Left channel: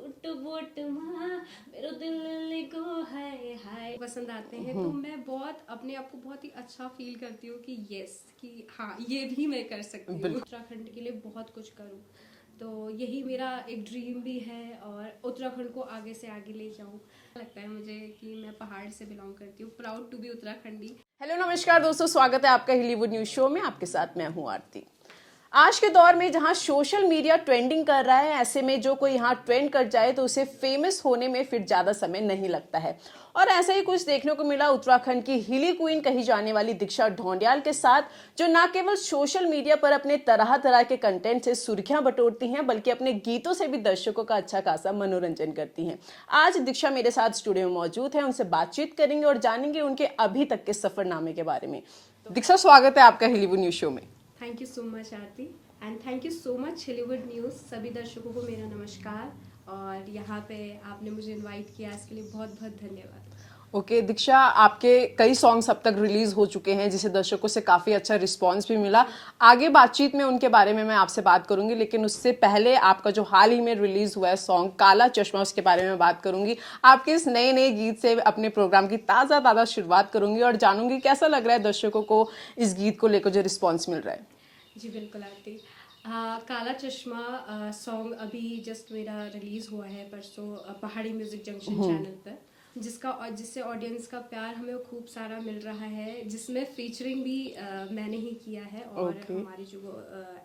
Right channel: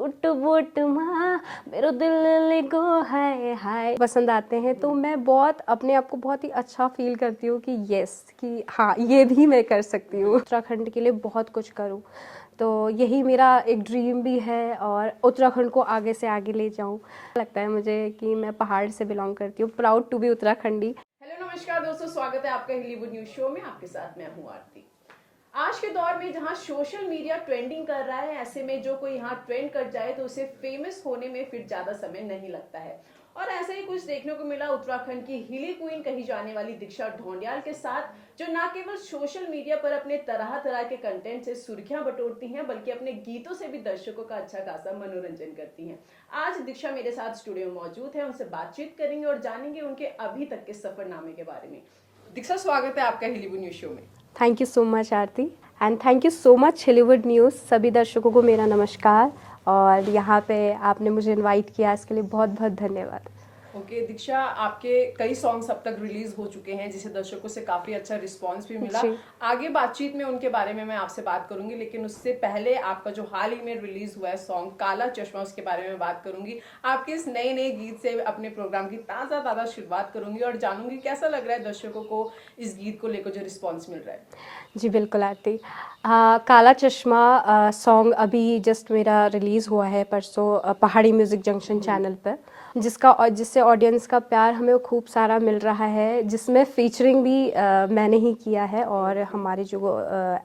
Suit boot माँ मेरो दिल लिगो हाय हाय पसंद आते हैं। तो मैं बहुत अपने आप को बहुत ही अच्छा फील करती हूँ कि यस कि हाँ ये भी मैं कर सकती हूँ, उत्तराखंड के लिए बहुत कुछ करूँ। तो यही मेरा एक ड्रीम भी है और उत्तराखंड को आगे से आगे ले जाऊँ। लगता है मुझे कि मैं पहाड़ से बिलोंग करती हूँ, proud to be Uttarakhandi. Hello नमस्कार दोस्तों, स्वागत है आपका हॉलीवुड न्यूज शो में। आपके साथ मैं हूं आरती। आज के दौर में जहां सोशल मीडिया ट्रेंडिंग कर रहा है, ऐसे में जो कोई यहाँ ट्रेंड कर जाए तो उसे फेमस होने में फिर ज्यादा समय नहीं लगता है। और ऐसा ही कुछ देखने को मिला उत्तराखंड की हिली क्वीन कही जाने वाली दीक्षा ढोंडियाल के साथ, जो न केवल सोशल मीडिया पर अपने तरह तरह के कंटेंट से सुर्खियां बटोरती हैं, बल्कि अपने गीतों से भी दर्शकों का अच्छा खासा मनोरंजन करती हैं। आज दीक्षा मेरे साथ स्टूडियो में मौजूद है, उनसे बातचीत करेंगे और जानेंगे उनके अभी तक के सफरनामे के बारे में। दीक्षा, स्वागत है आपका हॉलीवुड न्यूज शो में। Thank you so much Aarti and thank you so much Hollywood news. सभी दर्शकों को मेरा नमस्कार और यहाँ पे आपने मुझे इनवाइट किया, इसके लिए बहुत बहुत धन्यवाद। ओके दीक्षा, आपके कई सॉन्ग्स अब तक रिलीज हो चुके हैं जिसे दर्शकों से काफी अच्छा रिस्पांस भी मिला। आगे बातचीत में उनके बारे में मैं आपसे बात करूंगी, लेकिन उससे पहले आपका जो हाल ही में रिलीज हुआ है सॉन्ग काला चश्मा, उसके बारे में बात करूंगी। आपके इस नए नए गीत से अपने प्रोग्राम की ताज़ा शुरुआत करूंगी और जानूंगी कैसा लग रहा है दर्शकों को इस गीत को लेकर जो रिस्पॉन्स मिल रहा है। जी बिल्कुल आरती। काला चश्मा सॉन्ग अभी जस्ट मेरा रिलीज़ हुआ है परसों पहाड़ी म्यूज़िक जंक्शन चैनल पर, जिससे ऑडियंस का प्यार हमें खूब सारा मिल रहा है, जिसमें फीचरिंग भी मैंने ही किया है और हमारे जो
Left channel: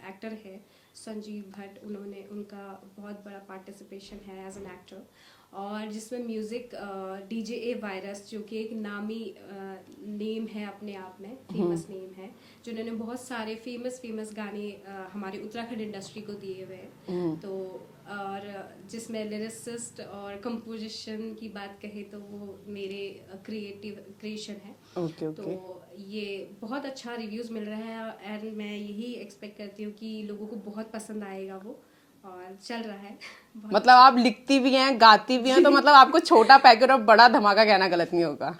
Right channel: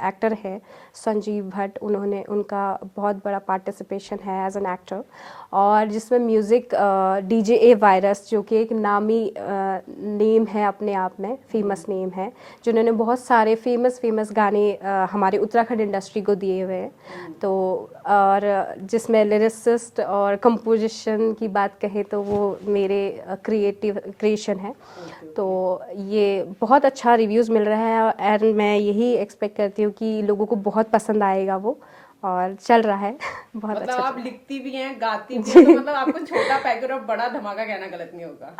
एक्टर हैं संजीव भट्ट, उनका बहुत बड़ा पार्टिसिपेशन है एज एन एक्टर। और जिसमें म्यूज़िक डीजे ए वायरस, जो कि एक नामी नेम है अपने आप में, फेमस नेम है, जिन्होंने बहुत सारे फेमस गाने हमारे उत्तराखंड इंडस्ट्री को दिए हुए हैं। तो और जिसमें लिरिसिस्ट और कंपोजिशन की बात कहें तो वो मेरे क्रिएशन है। तो ये बहुत अच्छा रिव्यूज़ मिल रहा है एंड मैं यही एक्सपेक्ट करती हूँ कि लोगों को बहुत पसंद आएगा वो, और चल रहा है बहुत मतलब अच्छा। आप लिखती भी हैं, गाती भी हैं, तो मतलब आपको छोटा पैकेट और बड़ा धमाका कहना गलत नहीं होगा।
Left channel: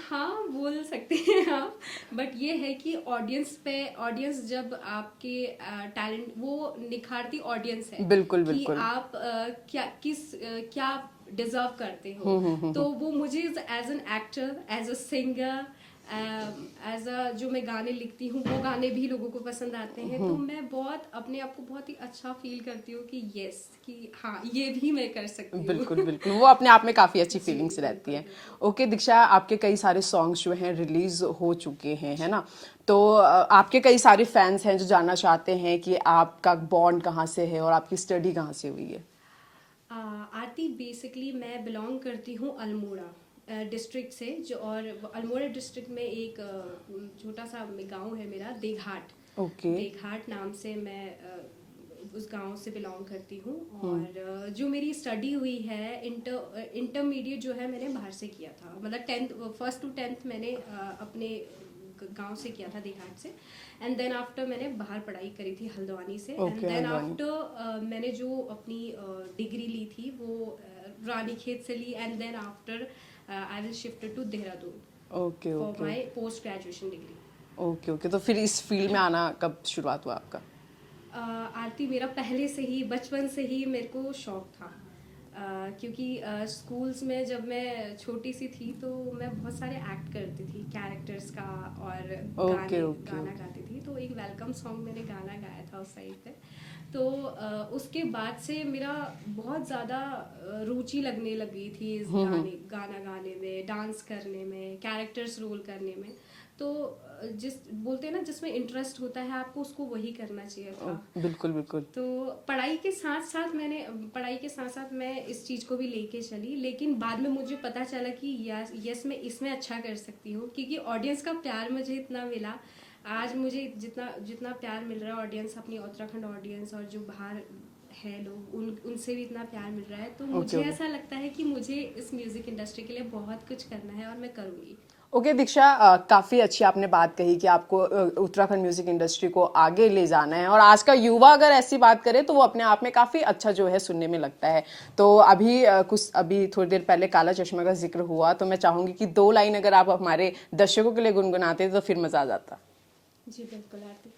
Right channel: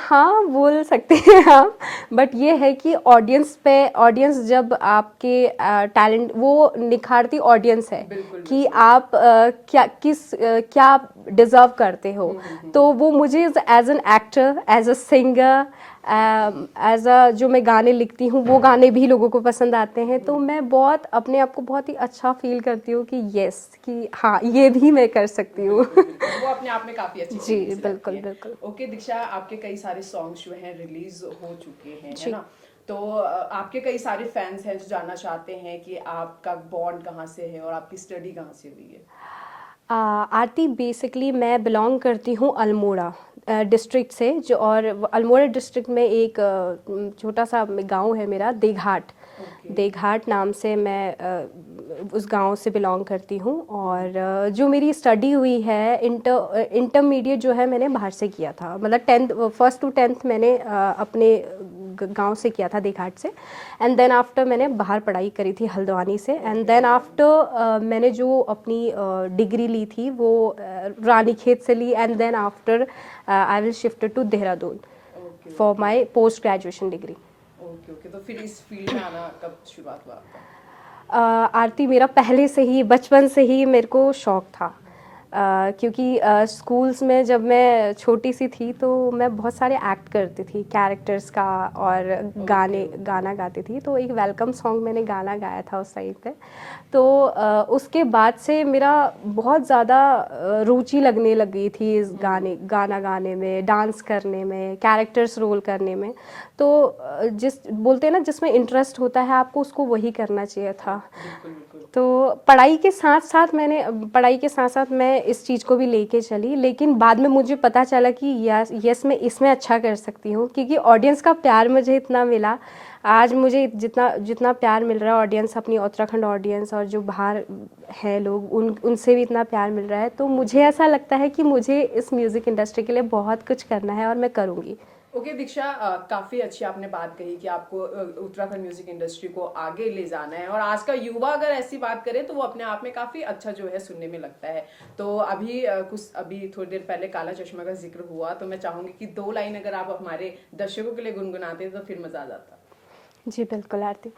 हाँ बोल सकते हैं आप, बट ये है कि ऑडियंस जब आपके टैलेंट वो निखारती ऑडियंस है। बिल्कुल, कि बिल्कुल। आप क्या डिजर्व करते हो। तो वो मुझे as an actor, as a singer, as a जो मैं गाने लिखती हूँ वो गाने भी लोगों को पसंद आते हैं। तो मैं बहुत अपने आप को बहुत ही अच्छा फील करती हूँ कि यस कि हाँ ये भी मैं कर सकती हूँ। बिल्कुल बिल्कुल, वो अपने आप में काफी अच्छी जी फीलिंग्स रहती बिल्कुल हैं। बिल्कुल। ओके दीक्षा, आपके कई सारे सॉन्ग्स जो हैं रिलीज हो चुके हैं, है ना? तो आपके कई सारे फैंस हैं जो जानना चाहते हैं कि आपका बॉन्ड कहाँ से है और आपकी स्टडी कहाँ से हुई है। आरती, बेसिकली मैं बिलोंग करती हूँ अल्मोड़ा डिस्ट्रिक्ट से, जो और अल्मोड़ा डिस्ट्रिक्ट में एक छोटा सा गांव है मेरा, देघाट। देघाट नाम से मैं उस गांव से बिलोंग करती हूँ। और जो मेरी स्टडी हुई है, इंटरमीडिएट जो है मैंने बाहर से किया था, मतलब फर्स्ट टू 10th मैंने अपने गांव से किया था, देघाट से। एंड देन आफ्टर मैंने बाहर पढ़ाई करी थी हल्द्वानी से। एंड देन आफ्टर मैंने जो अपनी डिग्री ली थी वो रानीखेत से ली। And then after I will shift to Dehradun for my post graduation degree. Okay okay, तो फिर इस फील्ड में आना कब शुरुआत हुआ आपका? आरती, मेरा पहले से ही, बचपन से ही मेरे को शौक़ था। क्योंकि स्कूल्स में जब मैं छोटी सी थी तो मैं बहुत सारे एक्ट करती थी कैरेक्टर्स का, और गाना गाती थी। तो एक वेलकम सॉन्ग मैंने गाना गाया था उस टाइम पे। तो उसके बाद से मेरा बहुत ज़्यादा रुचि लगने लगी थी इस गाना गाने में, डांस करने में, कैरेक्टर्स रोल करने में। तो बोलते हैं ना, जिसमें इंटरेस्ट होता है आपको उसको वही करना चाहिए था। बिल्कुल बिल्कुल। तो पढ़ाई के साथ साथ मैं इस चीज़ को भी लेके चली, लेकिन बाद में मुझे पता चला कि यस मैं इसमें अच्छा कर सकती हूँ, क्योंकि ऑडियंस का प्यार मुझे इतना मिला। आज मुझे जितना प्यार मिल रहा है ऑडियंस, अपनी उत्तराखंड ऑडियंस और जो बाहर है लोग, उनसे भी इतना प्यार मिल रहा है। तो मुझे ऐसा लगता है कि मुझे इस म्यूज़िक इंडस्ट्री के लिए बहुत कुछ करना है और मैं करूँगी। ओके दीक्षा, काफ़ी अच्छी आपने बात कही कि आपको उत्तराखंड म्यूजिक इंडस्ट्री को आगे ले जाना है, और आज का युवा अगर ऐसी बात करे तो वो अपने आप में काफ़ी अच्छा जो है सुनने में लगता है। तो अभी थोड़ी देर पहले काला चश्मा का जिक्र हुआ, तो मैं चाहूँगी कि 2 लाइन अगर आप हमारे दर्शकों के लिए गुनगुनाते तो फिर मज़ा आ जाता। जी बिल्कुल आरती।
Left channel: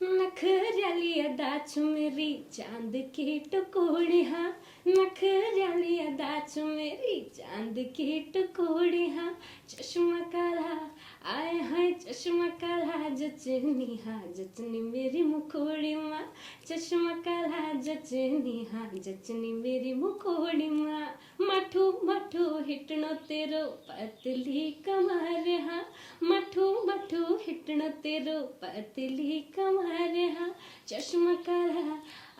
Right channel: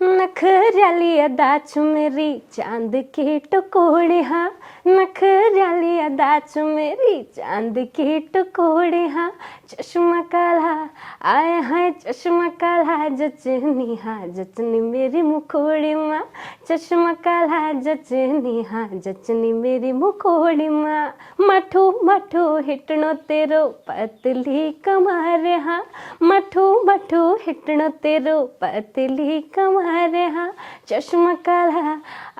नखऱ्याली अदा च मेरी चांद के टुकड़े हाँ, नखऱ्याली अदा च मेरी चांद के टुकड़े हाँ, चश्मा काला आए हाय चश्मा काला जचनी हाँ जचनी मेरी मुखोड़ी माँ, चश्मा काला जचनी हाँ जचनी मेरी मुखोड़ी माँ, मठू मठू हिटणो तेरो पतली कमर हाँ, मठू मठू हिटणो तेरो पतली कमर हाँ, चश्मा काला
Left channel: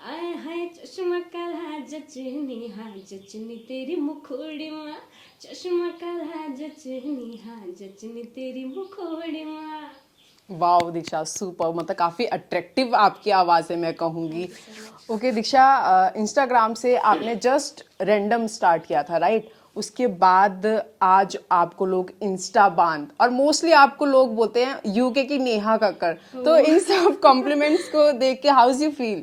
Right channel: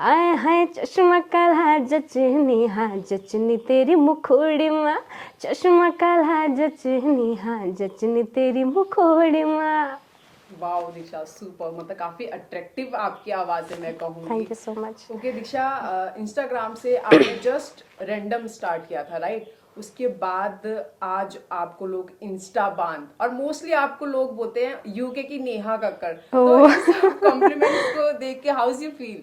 आए हाय चश्मा काला जचनी हाँ जचनी तेरी मुखोड़ी माँ, चश्मा काला जचनी हाँ जचनी तेरी मुखोड़ी माँ। वाओ दीक्षा, सुपर, मतलब काफी अट्रैक्टिव आपकी आवाज है, मैं कहूंगी। Thank you so much. Okay Diksha, Instagram से आपने जस्ट रैंडम स्टार्ट किया था, राइट? उसके बाद आज आपको लोग इंस्टा बांध, और मोस्टली आपको लोग बोलते हैं यूके की नेहा कक्कर। तो इन सब कॉम्प्लीमेंट्स को देख के हाउ यू फील?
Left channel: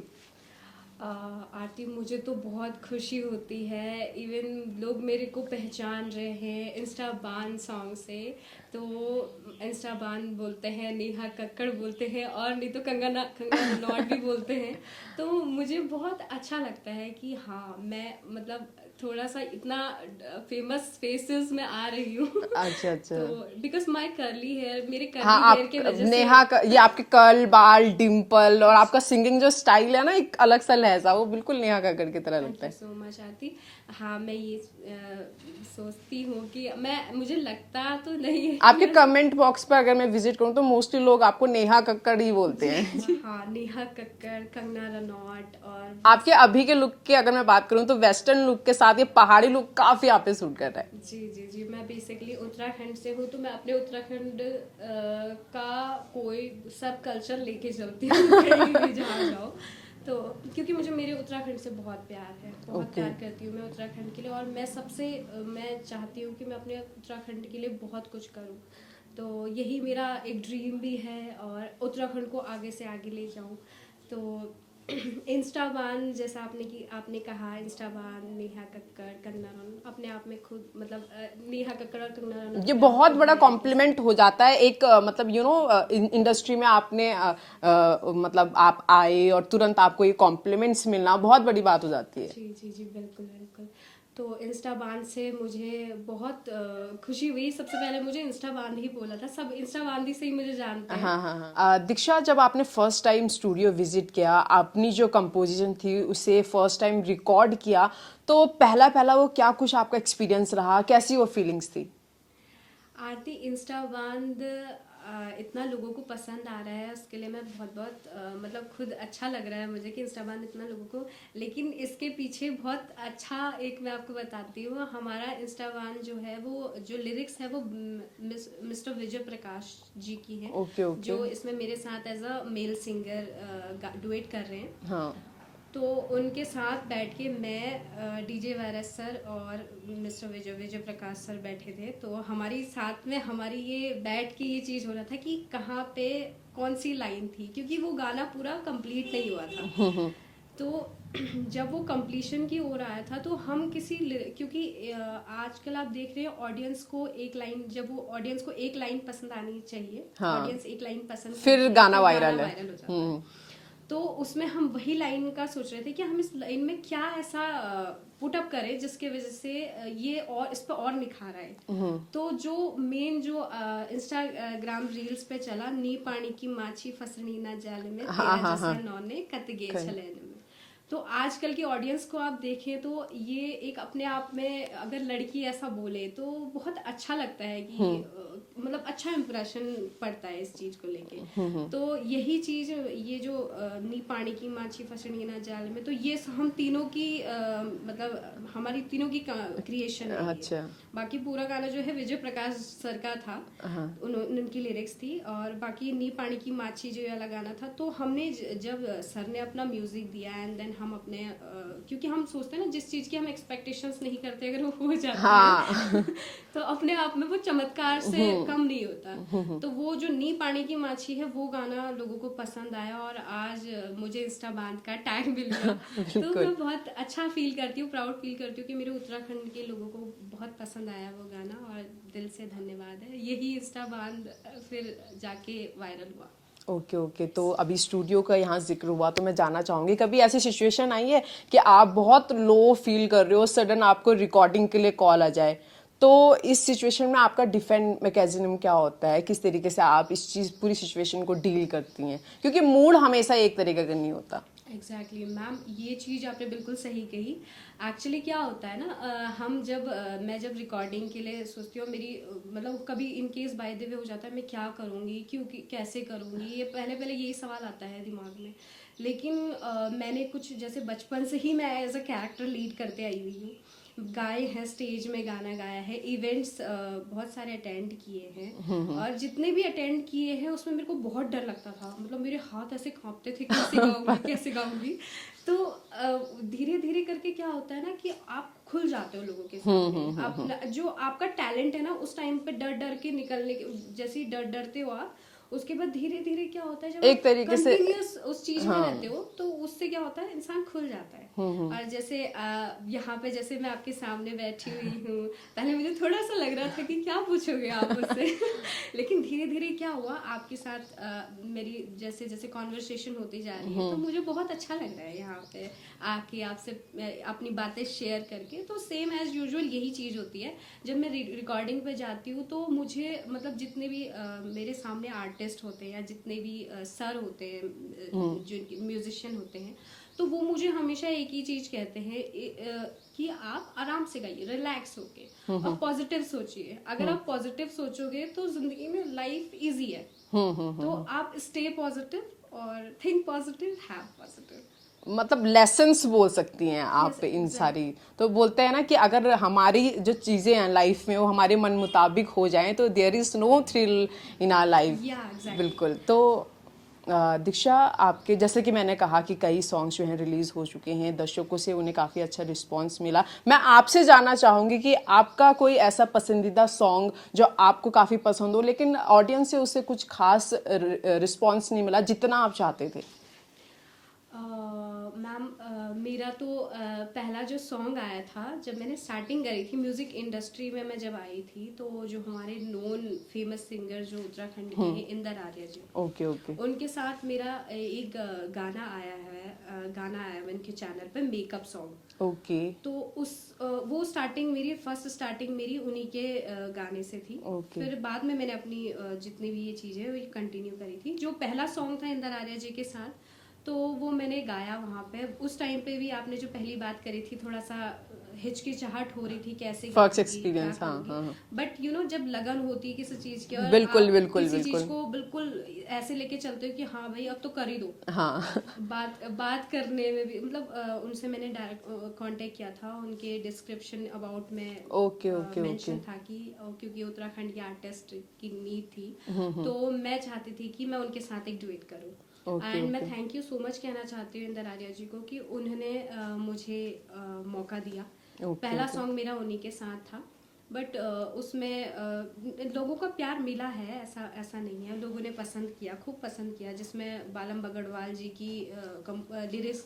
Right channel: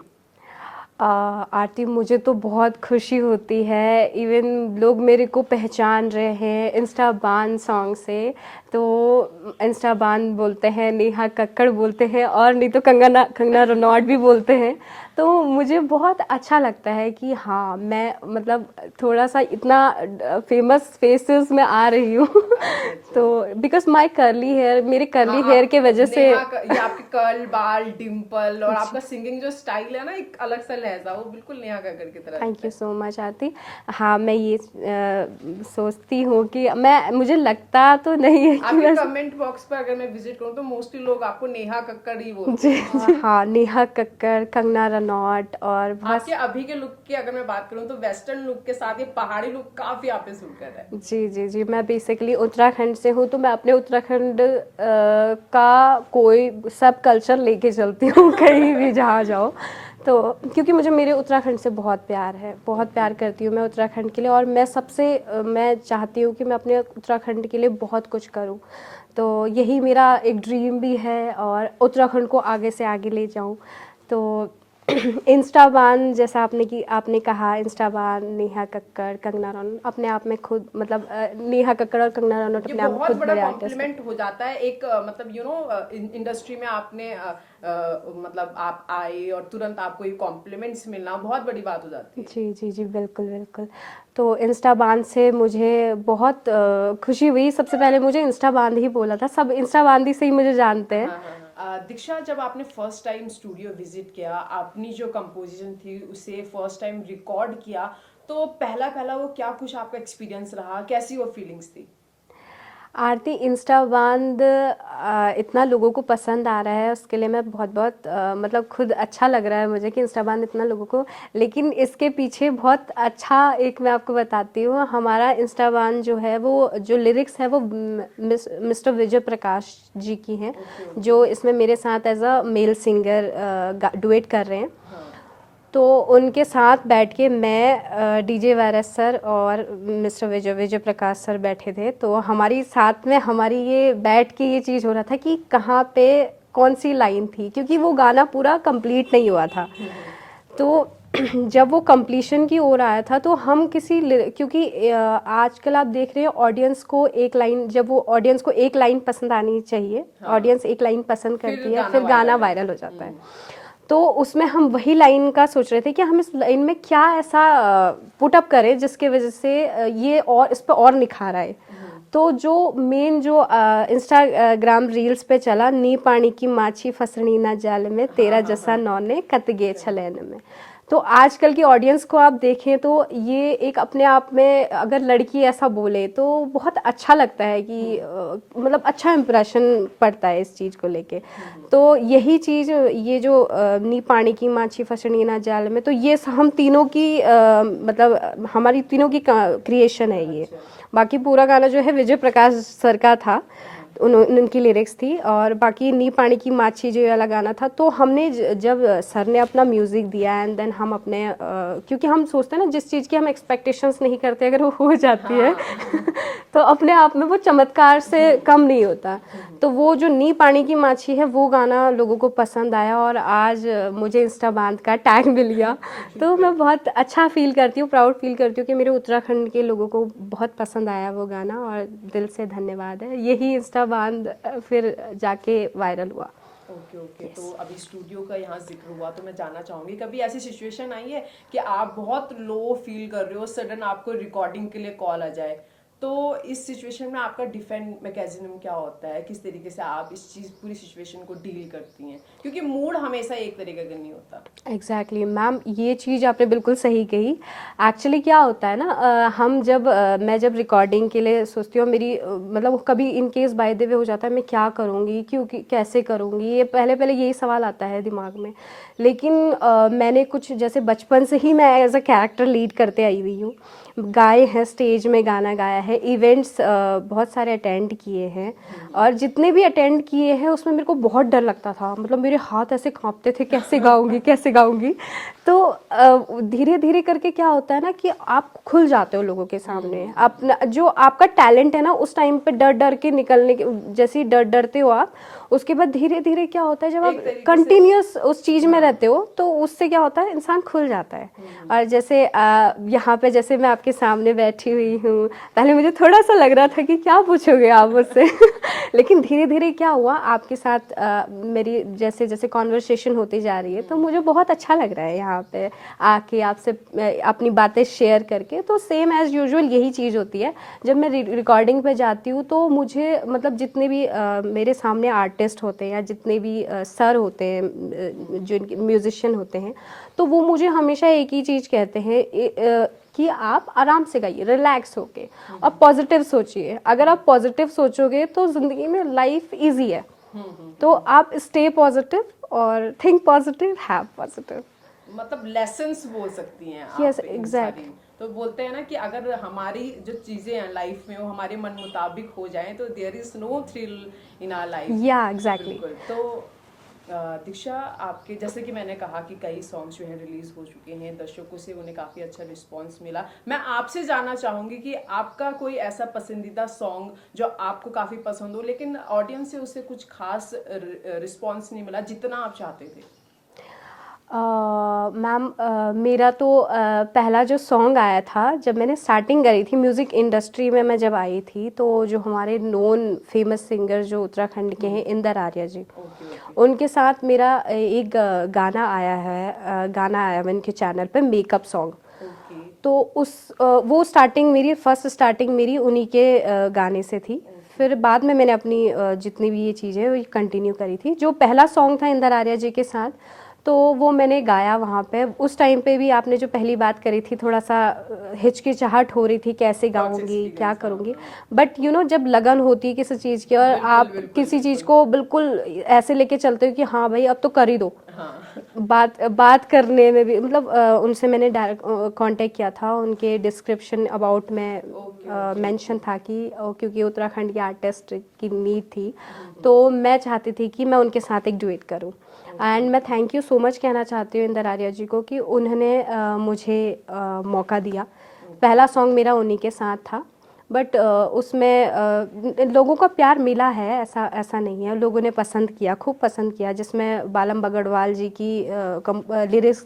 आरती, मुझे तो बहुत खुशी होती है। इवन लोग मेरे को पहचान रहे हैं इंस्टा बान सॉन्ग से। तो इंस्टा बान बोलते हैं, नेहा कक्कड़ बोलते हैं, और नहीं तो कंगना कंगना रनौत भी बोलते हैं। तो मुझे बहुत अच्छा लगता है कि हाँ, मैं मतलब थोड़ा सा इतना फेमस फेसेस में आ रही हूँ। अच्छा। तो बिकॉज माई कर्ली हेयर, मेरे कर्ली हाँ, हेयर के वजह से ये आपके कर्ल, बाल, डिम्पल और आपका सिंगिंग जो स्टाइल है ना, एक अलग सा लहजा, वो बिल्कुल नेहा कक्कड़ की तरह थैंक लगता यू है। सो मच आरती। हाँ, मैं ये सोचती हूँ कि मुझे लगता तो नहीं है कि आपके कमेंट बॉक्स पर अगर मैं विजिट करूँ तो मोस्टली लोग आपको नेहा कक्कड़ ही बोलते हैं। हाँ, नेहा कक्कड़, कंगना रनौत, और आपके अभी के लुक की अगर मैं बात करूँ तो वेस्टर्न लुक के साथ ये पहाड़ी लुक काफी आप पे सूट कर रहा है। जी जी जी, मैं बेसिकली उत्तराखंड से हूँ, तो मैं अपने उत्तराखंड का कोई सब कल्चर लेके चलती हूँ कहीं भी जहाँ जाओ। तो क्योंकि मुझे मेरे उत्तराखंड से बहुत प्यार है, बहुत प्यार करती हूँ मैं उत्तराखंड के लिए, और मैं मैं चाहती हूँ कि मैं अपने उत्तराखंड के लिए बहुत कुछ करूँ। तो यही मेरा एक ड्रीम भी है, और उत्तराखंड को आगे से आगे ले जाऊँ। तो इंस्टाबान, जैसा आपने कहा, इंस्टाबान, नेहा कक्कड़, कंगना रनौत अपने आप में खुद मतलब नेहा कक्कड़ और कंगना रनौत ये अपने आप में बहुत खुद बड़ा बड़े आर्टिस्ट हैं। कॉम्प्लीमेंट हो जाता है एक मतलब इंडस्ट्री में आपने मतलब आप आए और तुरंत आपको ये कॉम्प्लीमेंट्स मिलना बहुत बड़ी बात हो जाती है। जी जी जी, बिल्कुल बिल्कुल। तो इंस्टा बांध से मुझे बहुत खुशी हुई। सबसे पहले मुझे इंस्टा बांध ही बोला था, सब इंस्टा बांधी से ही मुझे जानते हैं। हाँ। दीक्षा, जब आपने फर्स्ट टाइम स्टूडियो विजिट किया, अपनी जो कंपोजिशन थी उसे फर्स्ट टाइम रिकॉर्ड किया, तो पहला पहला वो क्या कुछ आपका एक्सपीरियंस रहा, कैसी वो फीलिंग्स थी? आरती, इंस्टा बांध इतना लोगों को पसंद आ रहा है, उसके लिए मैं बहुत बहुत मतलब खुद अच्छा लग रहा है मुझे कि इंस्टा बांध इतना लोगों को। लेकिन इसके पीछे बहुत अच्छा एक मैं आपको बताती हूँ। हमारा इंस्टा बांध जो है, वो जो लिरिक्स है वो मिस्टर विजय प्रकाश जी की हैं, ओके। जो इसमें मेरे साथ as a male singer duet कर रहे हैं। हाँ। तो उनके साथ बैठ के मैं, डीजे वायरस सर और मिस्टर विजय प्रकाश सर बैठे थे। तो हमारी साथ में हमारी ये बैठ के ये चीज़ हो रहा था कि कहाँ पे कौन सी लाइन थी, क्योंकि वो गाना पूरा कंप्लीट नहीं हुआ था। तो जब वो कंप्लीशन की ओर आया था, तो हम क्योंकि आजकल आप देख रहे हैं ऑडियंस को एक लाइन, जब वो ऑडियंस को एक लाइन पसंद आनी चाहिए, ऑडियंस एक लाइन पसंद करती है, फिर गाना वायरल हो जाता है। तो उसमें हम वही लाइन का सोच रहे थे कि हम इस लाइन में क्या ऐसा पुट अप करें जिसके वजह से ये और इस पर और निखार आए। तो जो मेन जो इंस्टाग्राम रील्स पे चला, नी पानी की माछी फसनी ना जाल में, तेरा जैसा नौने कतगे छलैन में। तो आजकल की ऑडियंस को आप देखें तो ये एक अपने आप में, अगर लड़की ऐसा बोले तो बहुत अच्छा लगता है कि मतलब अच्छा इंप्रेशन पड़ता है इस चीज़ को लेके। तो यही चीज़, ये जो नी पानी की माछी फसनी ना जाल में, तो ये हम तीनों की मतलब हमारी तीनों की क्रिएशन है ये। बाकी पूरा गाना जो है विजय प्रकाश सर का था, उनकी लिरिक्स थी, और बाकी नी पानी की माछी जो वाला गाना था, तो हमने जब सर ने अपना म्यूजिक दिया, एंड देन हम अपने क्योंकि हम सोचते हैं ना, जिस चीज़ की हम एक्सपेक्टेशंस नहीं करते अगर वो हो जाती है तो अपने आप में वो चमत्कार से कम नहीं होता। तो वो जो नी पानी की माछी है, वो गाना लोगों को पसंद आया, और आज मुझे इंस्टा बांध का टैग मिल गया। तो मैं बहुत अच्छा फील करती हूँ, प्राउड फील करती हूँ कि मेरे उत्तराखंड के लोगों को बहुत पसंद आया वो गाना, और दिल से धन्यवाद है। यही इंस्टा बांध फिर जाके वायरल हुआ। ओके ओके, तो अभी स्टूडियो का यहाँ जिक्र हुआ तो मैं जानना चाहूंगी, कभी ऐसी सिचुएशन आई है कि आप बहुत लो फील कर रहे हो, सडन आपको रिकॉर्डिंग के लिए कॉल आ जाए, तो इस सिचुएशन में आपका डिफेंड मैकेनिज्म क्या होता है, किस तरीके से आप इस चीज़ पूरी सिचुएशन को डील करती हैं, क्योंकि मूड हमेशा एक तरीके का नहीं होता। एग्जैक्टली मैम, ये चीज़ आपने बिल्कुल सही कही। एक्चुअली क्या होता है ना, हम जब मैं जब रिकॉर्डिंग के लिए सोचती हूँ, मेरी मतलब कभी in case by the way हो जाता है, मैं क्या करूँगी, क्योंकि कैसे करूँगी, ये पहले पहले यही सवाल आता है दिमाग में। लेकिन मैंने कुछ जैसे बचपन से ही मैं एज अ कैरेक्टर लीड करते आई हुई हूँ, गाए हैं, स्टेज में गाना गाया है, इवेंट्स बहुत सारे अटेंड किए हैं, और जितने भी अटेंड किए हैं उसमें मेरे को बहुत डर लगता था, मतलब मेरे हाथ ऐसे कांपते थे, कैसे गाऊंगी कैसे गाऊंगी। तो धीरे धीरे करके क्या होता है ना कि आप खुल जाते हो लोगों के सामने, अपना जो आपका टैलेंट है ना, उस टाइम पे डर डर के निकलने के, जैसे ही डरते हो आप, उसके बाद धीरे धीरे क्या होता है, जब एक आप तरीके से कंटिन्यूअस उस चीज में रहते हो तो उससे क्या होता है, इंसान खुल जाता है। और जैसे यहाँ पे जैसे मैं आपके सामने बैठी हुई हूँ, पहले मुझे थोड़ा सा लग रहा था कि क्या पूछोगे आप मुझसे लेकिन धीरे धीरे क्या हुआ, आपके साथ मेरी जैसे जैसे कॉन्वर्सेशन होती जा रही है, तो मुझे बहुत अच्छा लग रहा है यहाँ पे आके आपसे अपनी बातें शेयर करके। तो सेम एज यूजुअल यही चीज़ होती है, जब मैं रिकॉर्डिंग पे जाती हूँ तो मुझे मतलब जितने भी मेरे सामने आर्टिस्ट होते हैं या जितने भी सर होते हैं, जो म्यूजिशियन होते हैं, तो वो मुझे हमेशा एक ही चीज़ कहते हैं कि आप आराम से गाइए, रिलैक्स होके, और पॉजिटिव सोचिए। अगर आप पॉजिटिव सोचोगे तो जिंदगी में लाइफ इजी है। तो आप स्टे पॉजिटिव और थिंक पॉजिटिव, हैव पॉजिटिव। मतलब लेसन्स बोल सकती हैं आप Yes, इन exact. सारी, तो बोलते हैं ना कि अगर हमारी जो चीज़ें हैं लाइफ में वो हमारे मन मुताबिक हो जाएं तो there is no thrill in our life. या एग्जैक्टली। बिल्कुल। तो दीक्षा, आपके जैसे कि मैंने कहा कि कई सॉन्ग्स जो हैं रिलीज़ हो चुके हैं, दर्शकों से उन्हें काफ़ी अच्छा रिस्पांस मिला। मैं आपसे जानना चाहूँगी कि आपका कोई ऐसा पसंदीदा सॉन्ग जो आपको काफ़ी पसंद हो लेकिन ऑडियंस से उससे कुछ खास रिस्पांस नहीं मिला जितना आप चाहते थे। मैम, मेरा तो पहला जो सॉन्ग आया था जब मैंने स्टार्टिंग करी थी म्यूज़िक इंडस्ट्री में, मैं जब आई थी, तो जो हमारे नोन फेमस सिंगर जो उत्तराखंड के हैं, इंदर आर्या जी, ओके ओके। उनके साथ मेरा एक गाना आया है, गाना आया है उनके चैनल पे, मेकअप सॉन्ग। ओके। तो वो स्टार्टिंग मेरी, फर्स्ट स्टार्टिंग मेरी उन्हीं के गाने से थी। फिर बाद में मैंने अपनी जितनी भी ये चीज़ें वो कंटिन्यू करी थी। जो पहला सॉन्ग था इंदर आर्या जी के साथ, तो वो मैंने गाया वहाँ पे। उस टाइम पे भी आपने जो पहली बात करी थी, थोड़ा सा हिचकिचाहट हो रही थी, कैसे गाऊंगी, क्या experience, हाँ, करूंगी। हाँ। बट जब लगन होती है किसी चीज़ की, और बिल्कुल आप बिल्कुल किसी चीज़ बिल्कुल। को बिल्कुल ऐसे लेके चलते हो कि हाँ भाई अब तो कर ही दो। हाँ। बात करने में भी मतलब उनसे मैंने डायरेक्ट कांटेक्ट किया था, उनके डिस्क्रिप्शन अबाउट में ओके ओके मेंशन ओके। था कि क्योंकि उत्तराखंड के आर्टिस्ट की नीड थी, तो मैं चाहती थी कि मैं उनके साथ एक डुएट करूं। एंड मैं थैंक यू सो मच कहना चाहती हूँ इंदर आर्या जी को कि उन्होंने मुझे मौका दिया। पहला सॉन्ग मेरा उन्हीं के साथ था, बट उसमें लोगों का प्यार मिला है, ऐसा ऐसा नहीं है, लोगों ने पसंद किया, खूब पसंद किया, जिसमें बालम बगड़वाल जी की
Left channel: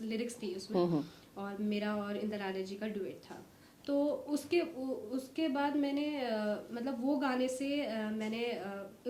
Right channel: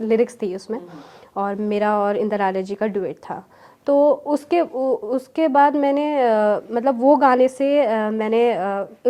लिरिक्स थी उसमें, और मेरा और इंदर आर्या जी का डुएट था। तो उसके बाद मैंने मतलब वो गाने से मैंने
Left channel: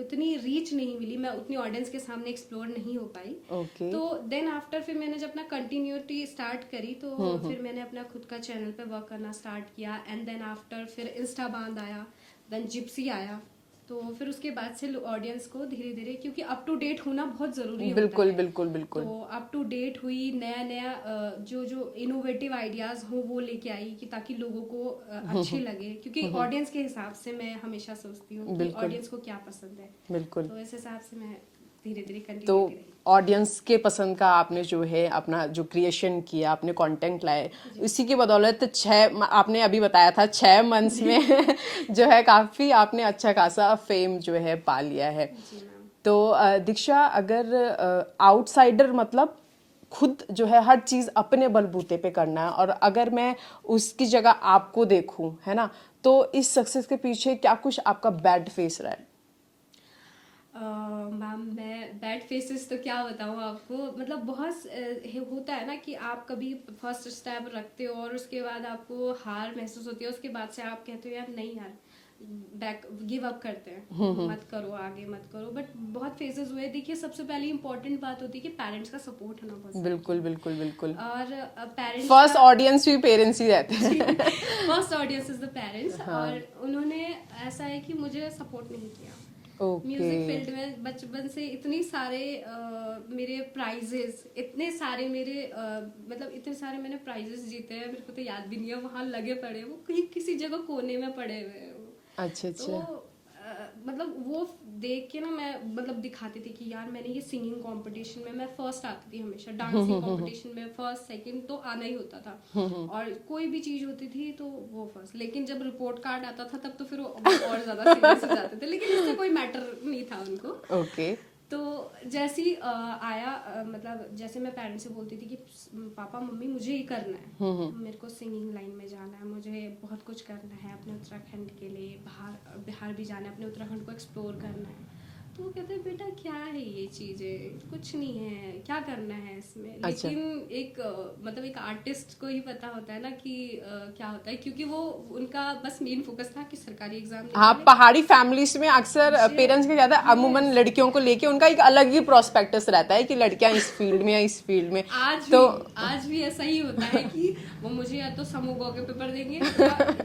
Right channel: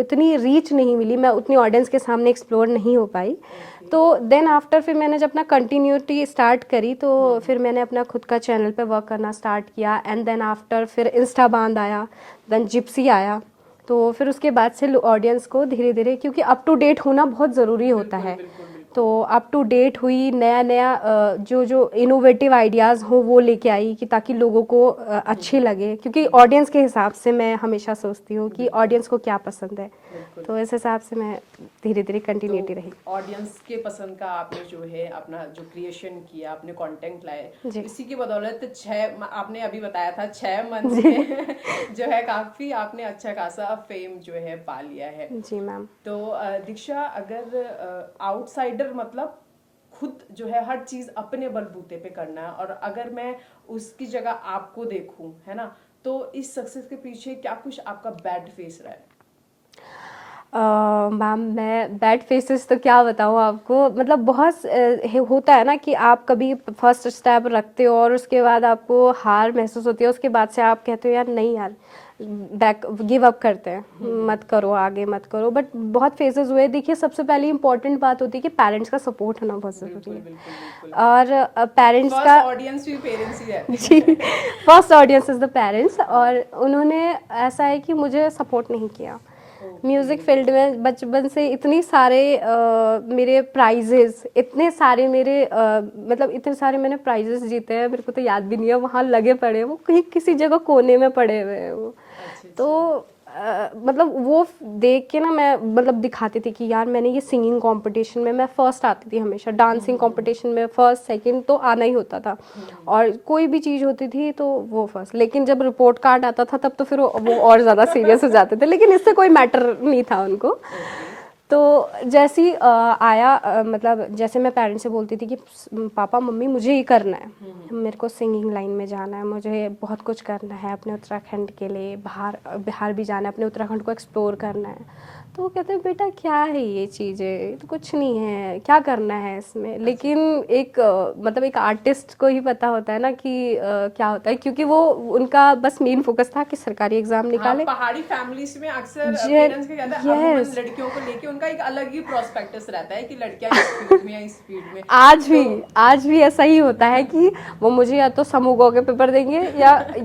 इतनी रीच नहीं मिली, मैं उतनी ऑडियंस के सामने एक्सप्लोर नहीं हो पाई। ओके। तो देन आफ्टर फिर मैंने जब अपना कंटिन्यूटी स्टार्ट करी, तो फिर मैंने अपना खुद का चैनल पे वर्क करना स्टार्ट किया। एंड देन आफ्टर फिर इंस्टा बांध आया, देन जिप्सी आया। तो फिर उसके बाद से ऑडियंस को धीरे धीरे, क्योंकि अप टू डेट होना बहुत ज़रूरी होता बिल्कुल है, बिल्कुल बिल्कुल। तो अप टू डेट हुई, नया नया जो इनोवेटिव आइडियाज़ हो वो लेके आई, कि ताकि लोगों को अच्छे लगे, क्योंकि ऑडियंस के हिसाब से मैं हमेशा सोचती हूँ कि बिल्कुल ऑडियंस को क्या पसंद है। बिल्कुल। तो इस हिसाब से मैं धीरे धीरे तो कंटिन्यूटी रही। ऑडियंस के पसंद का आपने जो है अपना जो क्रिएशन किया, आपने कंटेंट लाए, जी। इसी की बदौलत आपने अभी बताया था 6 मंथ्स में जो है काफी आपने अच्छा खासा फेम जो है पा लिया है। जी मैम। तो दीक्षा, अगर आउटसाइडर मतलब खुद जो है हर चीज अपने बलबूते पे करना है, और अगर मैं उसकी जगह आपको देखूं, है ना, तो इस सक्सेस के पीछे क्या कुछ आपका बैड फेस रहा है? मैम, मैं बैड फेसेस तो क्या बताऊँ आपको, मतलब बहुत होता है ना कि आप कभी फर्स्ट स्टेप रखते हो और उसके बाद आपको हार महसूस होती है, उसके बाद से आप कहते हो यार नहीं यार, बैक गिव अप करते हैं, मत करो, आगे मत करो। बट बहुत फेजेस हुए। देखिए सबसे पहली इंपॉर्टेंट बात होती है कि पेरेंट्स का सपोर्ट होना बहुत जरूरी बिल्कुल है। बिल्कुल बिल्कुल। और पेरेंट्स फर्स्ट का ऑडियंस भी पेरेंट्स ही रहते जी, हैं। First audience is the parents. हाँ। और उन्होंने ऐसा है कि मुझे सपोर्ट नहीं किया। ओके। म्यूजिक फील्ड में बचपन से इतनी सारे मेरे प्राइजेस, इतने सारे मेरे मतलब इतने सारे मैंने प्राइजेस जीते हैं, मेरे को तो याद भी नहीं है, वहाँ लगे पड़े हैं, वो कहीं किसी जगह कोने में पड़े हुए हैं वो। अच्छा तो अच्छा। मतलब वो देख के ना मैं मतलब दिखाती थी कि यार मैंने ये सिंगिंग कंपटीशन में मैं फर्स्ट आती थी हमेशा, डांसिंग कंपटीशन में फर्स्ट सेकंड तो आना ही होता था, और कोई भी चीज़ होती थी तो वो फर्स्ट। लेकिन जब रिपोर्ट कार्ड आता था तब तो फिर वो और ज़्यादा सीरियस हो जाते थे, लेकिन इससे कोई मैटर नहीं था उनको। ओके। तो जैसे ही आया मतलब जैसे मैं पेरेंट्स से बोलती थी कि पापा मम्मी मुझे ये करना है, मेरे को सिंगिंग लाइन में जाना है, मुझे बहुत कुछ करना है अपने उत्तराखंड के लिए, बिहार भी जाना है, अपने उत्तराखंड को एक्सप्लोर करना है। तो वो कहते हैं बेटा क्या है ये चीज़ें, तो कुछ नहीं है, क्या करना है इसमें। लेकिन एक मतलब एक आर्टिस्ट को ही पता होता है ना कि क्या होता है, क्योंकि वो उनका बस मेन फोकस था कि सरकारी एग्जाम हाँ, निकाले। पहाड़ी फैमिलीज में अक्सर पेरेंट्स के ज्यादा अमूमन लड़कियों को लेके उनका एक अलग ही प्रोस्पेक्टस रहता है कि लड़कियां इस फील्ड में या इस फील्ड में। आज भी ऐसा ही होता है कि वो मुझे या तो समूह ग के पेपर देंगे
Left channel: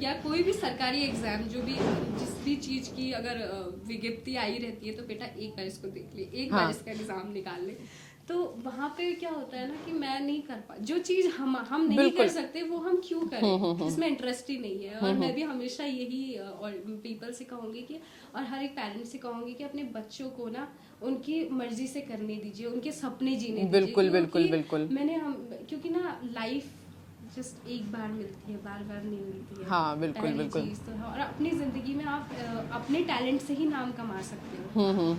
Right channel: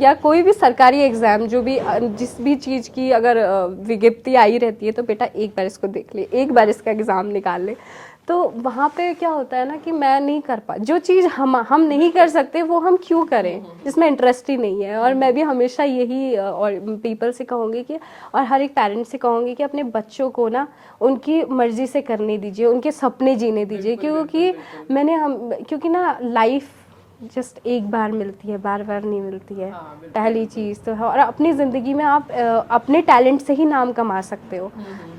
या कोई भी सरकारी एग्जाम, जो भी जिस भी चीज की अगर विज्ञप्ति आई रहती है तो बेटा एक बार इसको देख ले, एक बार इसका एग्जाम निकाल ले। तो वहाँ पे क्या होता है ना कि मैं नहीं कर पा, जो चीज हम नहीं कर सकते वो हम क्यों करें, जिसमें इंटरेस्ट ही नहीं है। और मैं भी हमेशा यही और पीपल से कहूंगी कि, और हर एक पेरेंट्स से कहूंगी कि अपने बच्चों को ना उनकी मर्जी से करने दीजिए, उनके सपने जीने दीजिए। बिल्कुल क्योंकि बिल्कुल। क्योंकि ना लाइफ जस्ट एक बार मिलती है, बार बार नहीं मिलती है। हाँ, बिल्कुल, पहली बिल्कुल। चीज तो है, और अपनी जिंदगी में आप अपने टैलेंट से ही नाम कमा सकते हो।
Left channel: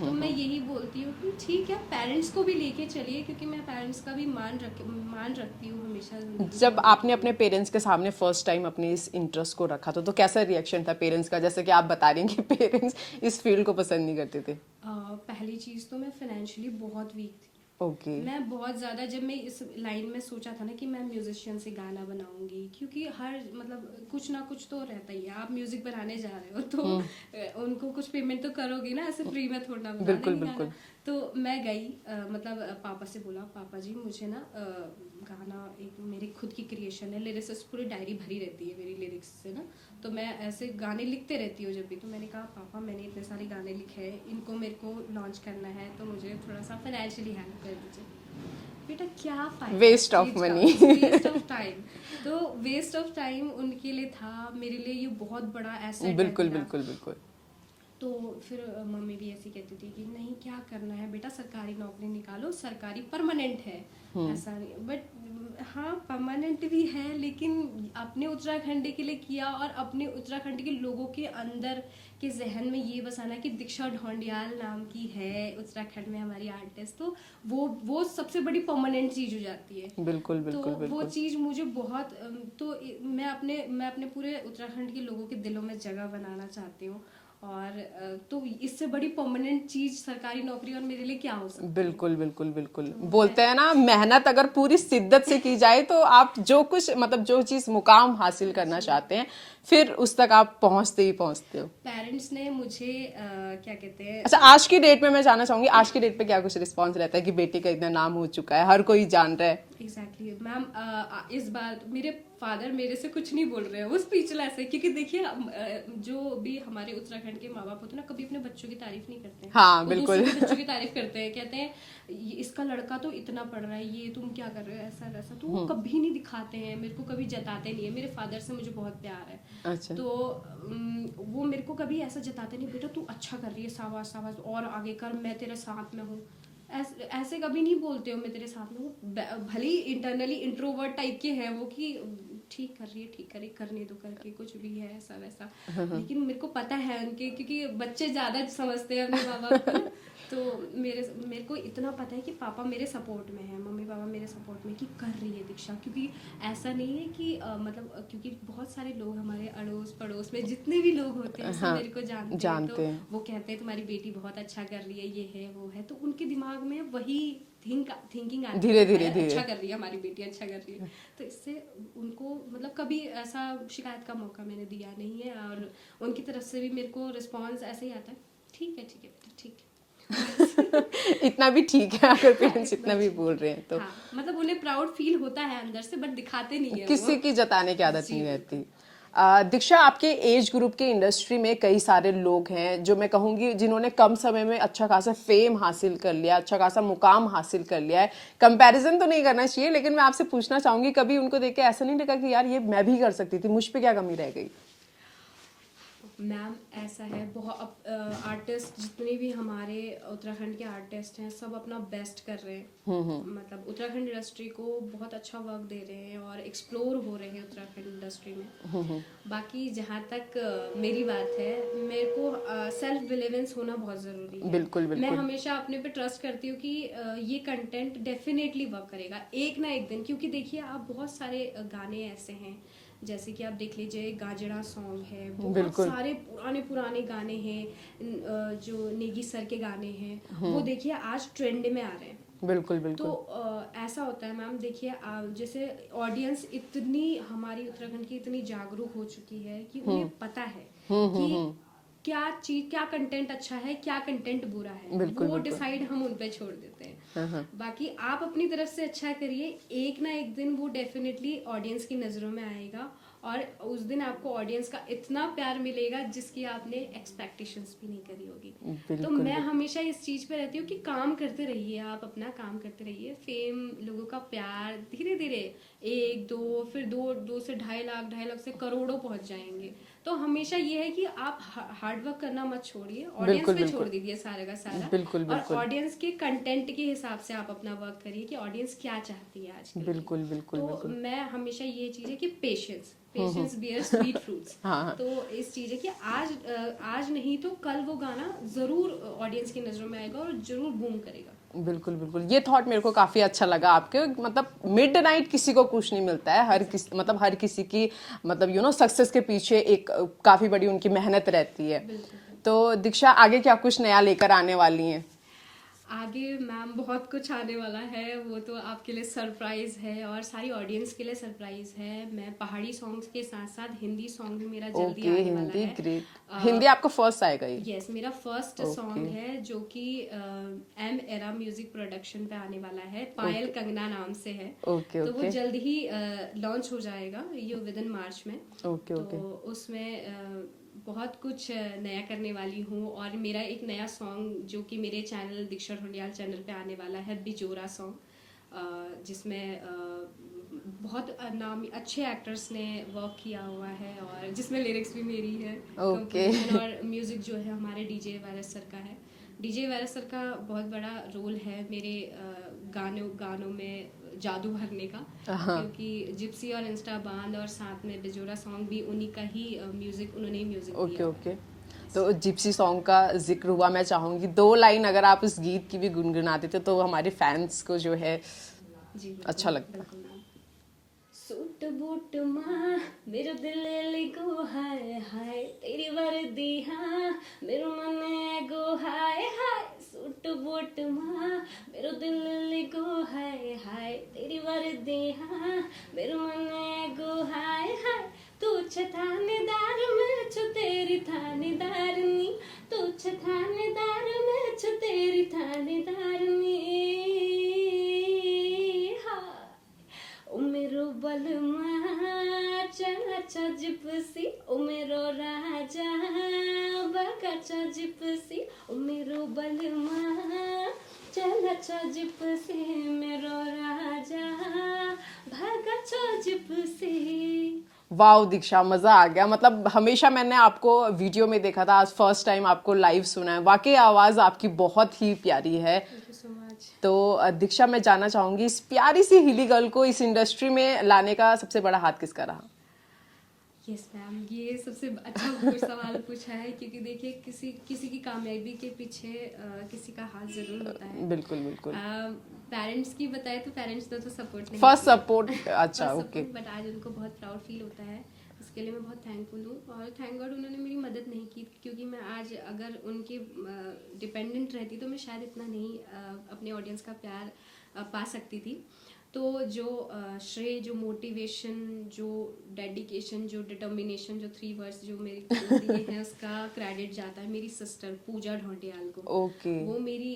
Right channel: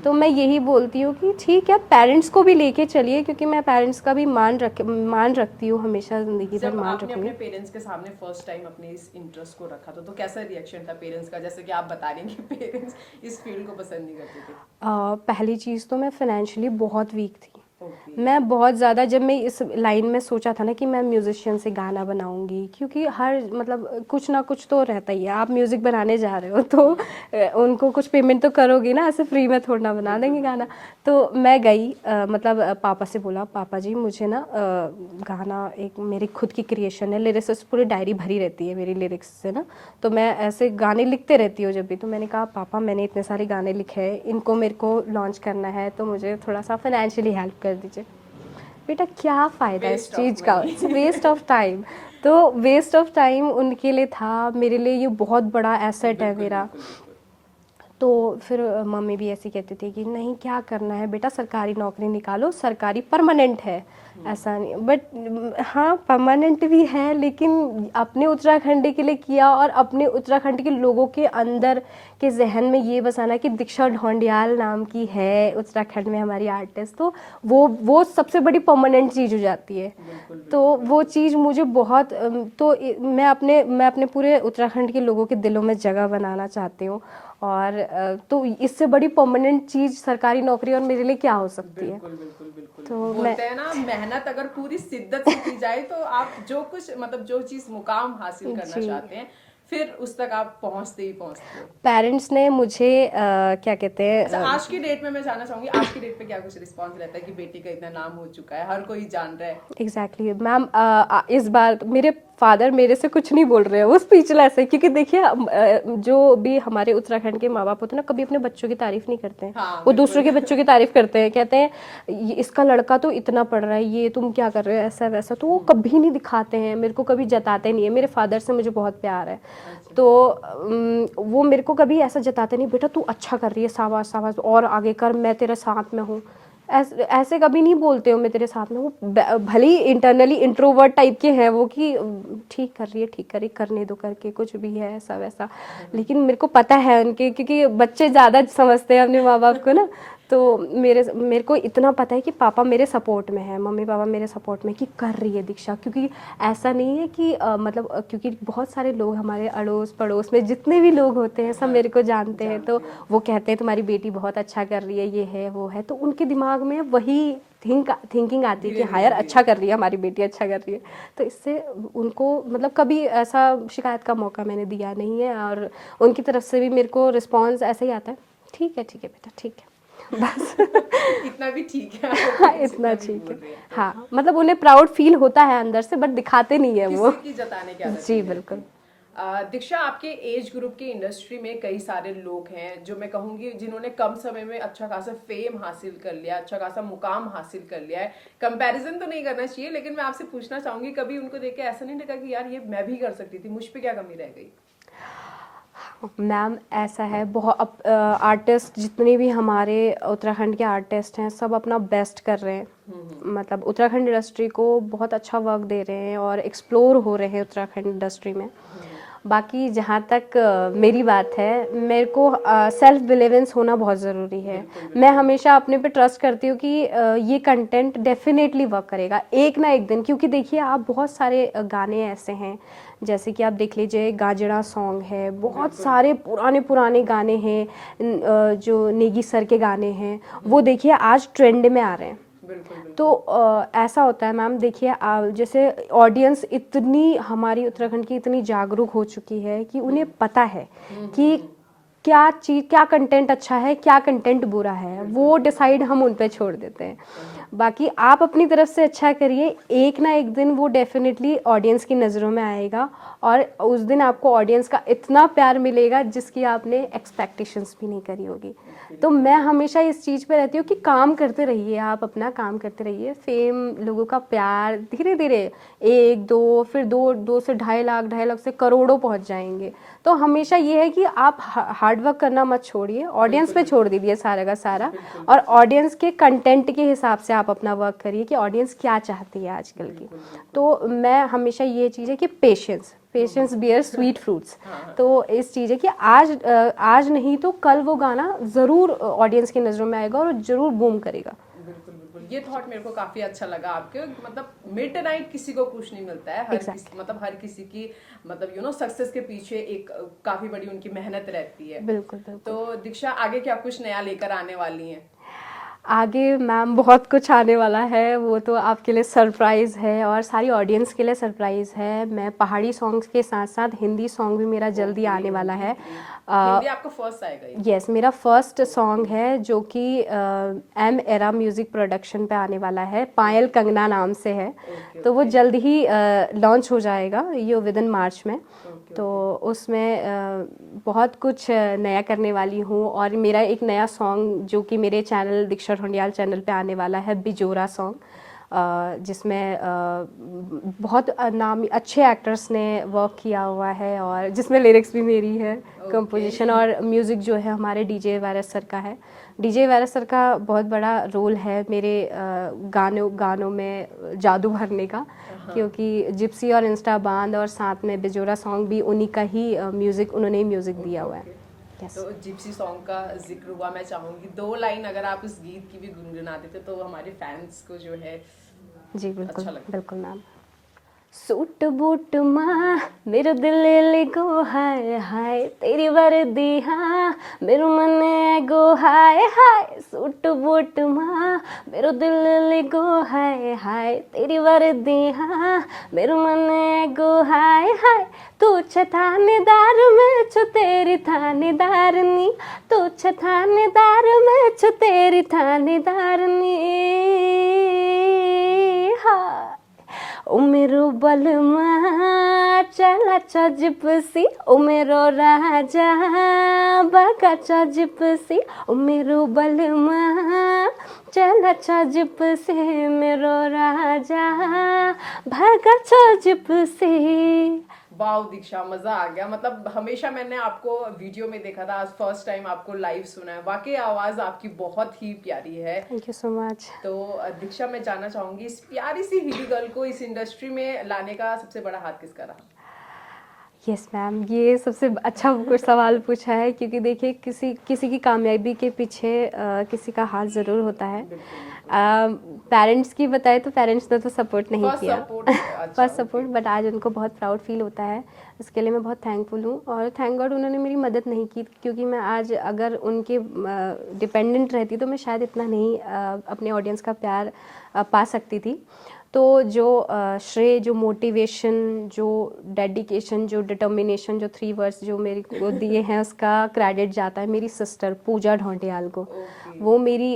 तो मैं यही बोलती हूँ कि ठीक है पेरेंट्स को भी लेके चलिए, क्योंकि मैं पेरेंट्स का भी मान रखती हूँ हमेशा जिंदगी जब में। आपने अपने पेरेंट्स के सामने फर्स्ट टाइम अपने इस इंटरेस्ट को रखा तो कैसा रिएक्शन था पेरेंट्स का, जैसे कि आप बता रही हैं कि पेरेंट्स इस फील्ड को पसंद नहीं करते थे? पहली चीज तो मैं फाइनेंशियली बहुत वीक थी। ओके। मैं बहुत ज़्यादा, जब मैं इस लाइन में सोचा था ना कि मैं म्यूजिशियन से गाना बनाऊंगी, क्योंकि हर मतलब कुछ ना कुछ तो रहता ही है, आप म्यूजिक बनाने जा रहे हो तो उनको कुछ पेमेंट तो करोगी ना, ऐसे फ्री में थोड़ा ना बना देंगे गाना। तो मैं गई मतलब पापा से बोला पापा जी मुझे ना गाना, एक मेरी खुद की क्रिएशन है, लिरिक्स पूरी डायरी भरी रहती है मेरी लिरिक्स से ना, तो मैं ऐसे गाने लिखते रहती हूँ जब भी। तो मैंने कहा पापा मैंने इतने सारे गाने लिखे हैं, इनको मेरे को लॉन्च करना है, तो मुझे थोड़ा सा फाइनेंशियली हेल्प कर दीजिए। बेटा क्या फ़ायदा इस वेस्ट ऑफ चीज़ का, मनी। Waste of time. तो वेस्ट ऑफ टाइम उनके लिए था, मेरे लिए ये बहुत बड़ा एसेट है बिल्कुल मेरा। बिल्कुल बिल्कुल। तो फिर मम्मी भी ऐसी कहती थी कि नहीं क्या करना है बेटा, सरकारी नौकरी निकालो, सरकारी परमानेंट है, ऐसा नहीं। बट हाँ परमानेंट भी है, लेकिन अपने उत्तराखंड के लिए किया, और अपने उत्तराखंड के लोगों के अंदर के जहन में ये बसाना कि दीक्षा ढोंडियाल नाम की है उत्तराखंड में हमारी आर्टिस्ट, तो वो सबसे बड़ी परमानेंट चीज़ हो जाती है। बिल्कुल तो बिल्कुल वो बिल्कुल। चीज़ मुझे बहुत मैं अपने पूरे उत्तराखंड के लोगों के दिलों में जगह बनाना चाहती हूँ। और तो इससे बड़ी परमानेंट चीज सरकारी नौकरी और मेरे लिए क्या हो सकती है। बिल्कुल बिल्कुल बिल्कुल। तो बोलते हैं ना मेहनत अगर पूरी शिद्दत से की जाए तो आप जो कुछ मतलब जो चीज मुकाम हासिल करना चाहते हैं फिर उस तक आप पहुंचते ही पहुंचते हो। पेरेंट्स ने मुझे क्या कहते हैं, अच्छा, आज की डेट में मैं जानना चाहूंगी आज की डेट पे क्या कुछ रिस्पॉन्स रहता है कि बेटी का इतना नाम हो चुका है, हर कोई जान रहा है? एग्जैक्टली मैम, इस बार मेरे फादर मेरे से कुछ नहीं बोल रहे हैं, वो स्पीचलेस है। क्योंकि देखिए जो भी हमारे उत्तराखंड के माँ बाप होते हैं ना, कभी अपने बच्चों की तारीफ नहीं करते हैं। हाँ, वो बिल्कुल। दूसरों के बच्चों की तारीफ करते हैं, कहते हैं इसका लड़का तो इतना पढ़ रहा है, ये तुम क्या कर रहे हो, ऐसा वैसा। तो वो कभी नहीं दिखाते हैं, मेरे को कभी जताते नहीं है। मेरे फादर से मुझे बहुत प्यार है। अच्छा। तो वो मेरे को कभी ऐसा जताते नहीं, बेटा तू अच्छा कर रही है, शाबाश शाबाश और आगे कर, मैं तेरे साथ में हूँ, ऐसे कभी नहीं बोलते हो मैं तेरे साथ में। वो भले ही इंटरनली इंट्रोवर्ट टाइप के हैं वो, कि ठीक कर रही है, ठीक कर रही, करने दो करके, कुछ भी है ऐसा वैसा। लेकिन मेरे को पता है उनके, क्योंकि बच्चे ज़्यादा समझते हैं अपने माँ बाप को ना, तो मेरे को इतना पता है कि पापा मेरे सपोर्ट में है, मम्मी पापा मेरे सपोर्ट में कि कर रही है दीक्षा, क्योंकि ऐसा नहीं है कि क्योंकि बहुत सारे लोग हमारे अड़ोस पड़ोस में जितने भी लोग होते हैं सब मेरे को जानते हैं, तो वो कहते हैं तुम्हारी बेटी बहुत अच्छा कर रही है, ये है वो है, तो उनके दिमाग में वही थिंकिंग आती है कि हाँ यार अच्छा कर रही है हमारी बेटी, अच्छा कर रही है। तो इससे उनको मतलब कभी ऐसा शिकायत का मौका मैंने दिया नहीं है, और उनकी तरफ से भी मेरे को रिस्पॉन्स ऐसा ही आता है, ठीक है बेटा ठीक है, बस इतना भी ठीक है, अगर हाँ, parents इतना भी बोल रहे हैं तो हाँ, मतलब उन्हें प्राउड फील होता है अंदर से, बट दिखाते नहीं है वो। किसी की जताने की आदत जी नहीं बिल्कुल। रहती। दीक्षा, आपके एज ग्रुप के इंडस्ट्री में कई सारे लोग हैं जो मैं कहूंगी जिन्होंने कम समय में अच्छा खासा फेम हासिल कर लिया, अच्छा खासा मुकाम हासिल कर लिया है। कंपैरिजन तो नहीं करना चाहिए, लेकिन मैं आपसे पूछना चाहूंगी, कभी उनको देख के ऐसा नहीं लगा कि यार ये मैं भी कर सकती थी, मुझ पे क्या कमी रह गई? मैम ऐसा है, बहुत आर्टिस्ट जितने भी हमारे उत्तराखंड के आर्टिस्ट हैं सब अपना बेस्ट कर रहे हैं, मतलब उत्तराखंड इंडस्ट्री को बहुत अच्छा वर्क दे रहे हैं और एक्सप्लोर हो रहे हैं उत्तराखंड इंडस्ट्री में। बाकी जहाँ तक मेरी बात है, मेरे को सेल्फ बिलीवेंस होना बहुत ज़रूरी है। बिल्कुल। मैं हमेशा अपने पे ट्रस्ट करती हूँ कि ये कंटेंट डेफिनेटली वर्क करेगा एक ना एक दिन, क्योंकि देखिए आप बहुत सारे गाने ऐसे हैं, जैसे कि आप देख लीजिए गाजड़ा सॉन्ग है, बहुत सारे पुराने गाने हैं, जो नेगी सर के गाने हैं, वो देखिए आज ट्रेंड में आ रहे हैं। बिल्कुल। तो ऐसा होता है मैम, देखिए जैसे ऑडियंस इतनी हमारी उत्तराखंड की इतनी जागरूक हो चुकी है कि उन्हें पता है कि क्या कंटेंट अच्छा है, क्या कंटेंट बुरा है, वो डिसाइड हम उन पे छोड़ देते हैं। बाकी आप अपनी तरफ से अच्छा करिए, एक ना एक दिन वो डेफिनेटली ऑडियंस की नज़रों में आएगा, और उस दिन आपको ऑडियंस का इतना प्यार मिलेगा जिसकी आपने एक्सपेक्टेशंस भी नहीं करी होगी। तो मैं हमेशा इस चीज़ पे रहती हूँ कि काम करते रहिए, आप अपना काम करते रहिए, फेम, लोगों का प्यार धीरे धीरे 1-2 फिर 2 से 2.5 लाख से करोड़ों पहुंच जाएंगे। तो हमेशा ये है कि आप हार्ड वर्क करना मत छोड़िए, ऑडियंस पे छोड़ दीजिए सारा का सारा, और ऑडियंस के कंटेंट के हिसाब से आप अपना वर्क करिए कि ऑडियंस क्या चाहती है आजकल की। तो मैं हमेशा ये चीज़ है कि पेशेंस बियर स्वीट फ्रूट्स। तो इस चीज़ है कि आज नहीं तो कल वो गाना ज़रूर ऑडियंस की नज़रों में आएगा और ज़रूर बूम करेगा। बिल्कुल। ये थॉट मेरे को काफी अच्छा लगा आपके, मतलब मिडनाइट किसी को कुछ नहीं मिलता है, हर किसी की मतलब सक्सेस के पीछे एक काफी बड़ी उनकी मेहनत रहती है। बिल्कुल। तो दीक्षा, आगे क्या कुछ नया लेकर आने वाली हैं? आगे मैम बहुत कुछ आने वाला है, वो तो आपके लिए सरप्राइज़ है और सारी ऑडियंस के लिए सरप्राइज़ है। मैं पहाड़ी सॉन्ग्स के साथ साथ हिंदी सॉन्ग भी मेरा जल्दी आने वाला है। हिंदी आपको फर्स्ट आएगा ये? यस, मेरा फर्स्ट सॉन्ग है जो कि एम एरा म्यूजिक प्रोडक्शन पे आने वाला है, पायल कंगना नाम से है। तो वो जल्द ही लॉन्च हो जाएगा, ये विद इन मार्च में। तो उसमें बहुत कुछ नया करने वाली हूँ, और मेरा एक नया सॉन्ग जो कि मेरे चैनल दीक्षा ढोंडियाल चैनल पे आने वाला है, बिजोरा सॉन्ग, जिसमें बहुत नाम अच्छे एक्टर्स ने वर्क किया हुआ है, और जिसमें लिरिक्स भी मेरी है, कंपोजिशन और म्यूज़िक जो है हमारे डीजे वायरस सर का है। डीजे वायरस सर का बहुत बड़ा रोल है मेरे गानों में जादू भरने का, क्योंकि जिप्सी और इंस्टा बांध और साथ में बिजोरा सॉन्ग भी उन्हीं का ही म्यूज़िक, उन्होंने ही म्यूज़िक दिया हुआ है। तो जिप्सी सॉन्ग का जिक्र हुआ, मैं चाहूंगी 2 लाइन अगर आप इस गीत की भी गुनगुना देते तो हमारे फैंस को जो है जी बिल्कुल, अच्छा लगता। बिल्कुल मैम। सूट बूट माँ मेरे दिल लिगो हाय हाय, तेरी वर्दी हाँ मेरे मन गो हाय हाय। सूट बूट माँ मेरे दिल लिगो हाय हाय, तेरी वर्दी हाँ मेरे मन गो हाय हाय। तू थानेदार मैं छु तेरी थानेदारनी, तू थानेदार मैं छु तेरी थानेदारनी। हाँ ओ मेरो बलमा चला छ जिप्सी, ओ मेरो राजा बगा छ जिप्सी, ओ मेरो बलमा चला छ जिप्सी, मेरो राजा भागा छ जिप्सी। वाओ दीक्षा, मजा आ गया। मतलब हमेशा मैंने आपको वीडियो में देखा था, आज फर्स्ट टाइम आपको लाइव सुना है। वाकई आवाज आपकी बहुत ही प्यारी है। Thank you so much. तो दीक्षा, मैं जानना चाहूंगी, इस प्यारी सी हिली गर्ल को इस इंडस्ट्री में लाने का सबसे बड़ा हाथ किसका रहा? यस मैम, ये सबसे अच्छा कुछ सवाल पूछा है, क्योंकि देखिए किसी की कामयाबी के पीछे किसी का हाथ ज़रूर होता है। बिल्कुल बिल्कुल। पेरेंट्स की बताए तो पेरेंट्स ने तो सपोर्ट नहीं फर्स्ट किया। सपोर्ट, अच्छा फर्स्ट ओके। सपोर्ट, बट आज उनको बहुत प्राउड फील होता है। इसके लिए मैं बहुत थैंकफुल हूँ, और थैंक गॉड उन्होंने मेरी मदद नहीं की, क्योंकि मैं आज अगर उनके डिपेंडेंट रहती तो मैं शायद इतना नहीं अपने ऑडियंस का प्यार पा सकती थी। तो जो श्रेय, जो मोटिवेशन, जो डेडिकेशन, जो डिटर्मिनेशन, जो 3 वर्ड्स जो मेरे को दिए हैं, उसका क्रेडिट जाता है मेरी सिस्टर पूजा ढौंडियाल को। ओके। वो मेरी